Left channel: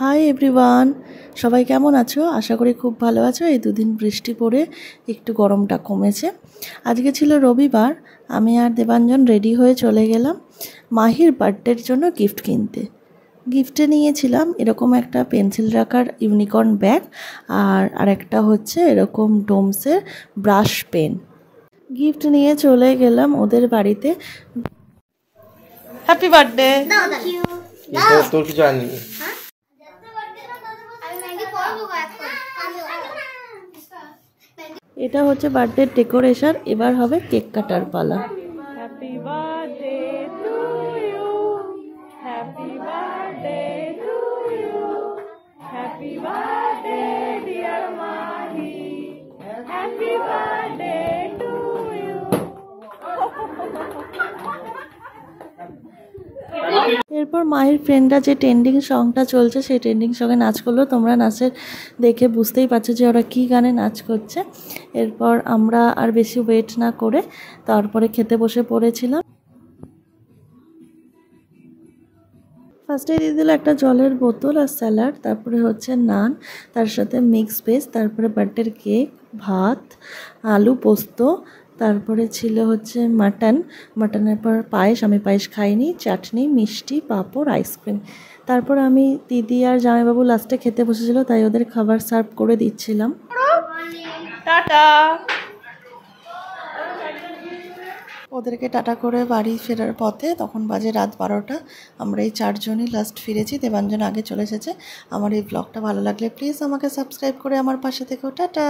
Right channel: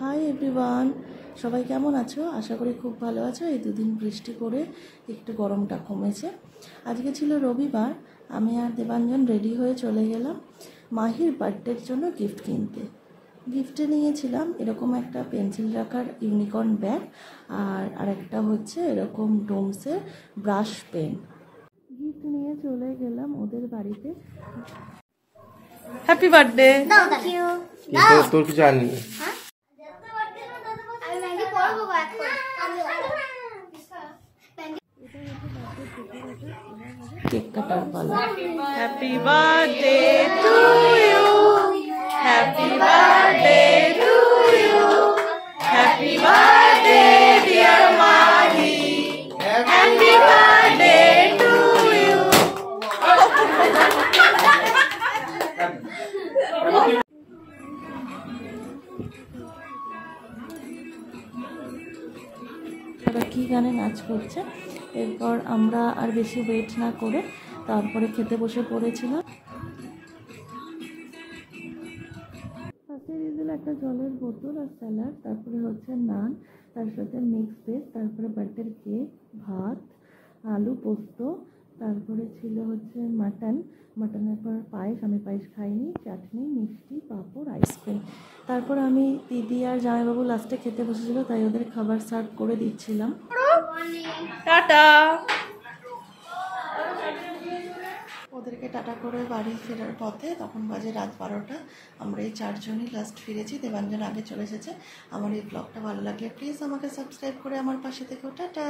Hi everyone, সবাই কেমন আছো? আশা করি খুব ভালো আছো। এই দুদিন বৃষ্টি পড়ে একটু গরমটা কমেছে। আজকে ছিল রবিবার, আমি আর দেবাঞ্জন রেডি হয়ে চলে গেলাম মাহির বার্থডের জন্য গিফট কিনতে। গিফটে নিয়েছিলাম এরকম একটা পেন্সিল রাখার ইউনিকর্ন ব্যাগ আর একটা হচ্ছে এরকম ডোমসের ব্রাশ পেন। গিফট নিয়ে চলে গেলাম ওদের বাড়িতে। Happy birthday. তোর কিছু আনি এটা হচ্ছে বার্থডে ডেকোরেশন। এবার হবে কেক কাটার পালা। Happy birthday to you, happy birthday to you, happy birthday dear Mahi, happy birthday to you. এরপর মাহির ফ্রেন্ডরা যে ট্রেন্ডিং সংটা চলছে সেই ট্রেন্ডিং সঙ্গে নাচ করলো। তোমরা নাচের দেখে বুঝতেই পারছো যে ওরা কী গানে নাচ করছে। এরপর আমরা আর বেশি ওয়েট না করে তারপরে খেতে বসে পড়েছিলাম। ফার্স্টে দিয়ে দিল একটা জলের বোতল আর স্যালাড, তারপরে হচ্ছে নান, তার সাথে মিক্স ভেজ, তারপরে বার্থডের কেক, ভাত, আলু পোস্ত, তারপরে ছিল হচ্ছে মাটনের পর পায়েস, আমি পায়েস খাইনি, চাটনি, মিষ্টি, পাঁপড়, আইসক্রিম। তারপর আমি দিদি আর জামাইবাবু লাস্টে খেতে বসেছিল, তাই ওদের খাবার সার্ভ করে দিচ্ছিলাম। টাটা। ওদেরকে টাটা করে বাড়ি ফেরার পথে তখন বাজে রাত 12টা। আমরা এই 4 জনই লাস্ট ফিরেছি, দেবাঞ্জন আগে চলে এসেছে। আমার এই ব্লগটা ভালো লাগলে প্লিজ আমাকে সাবস্ক্রাইব করে আমার পাশে থেকো। টাটা।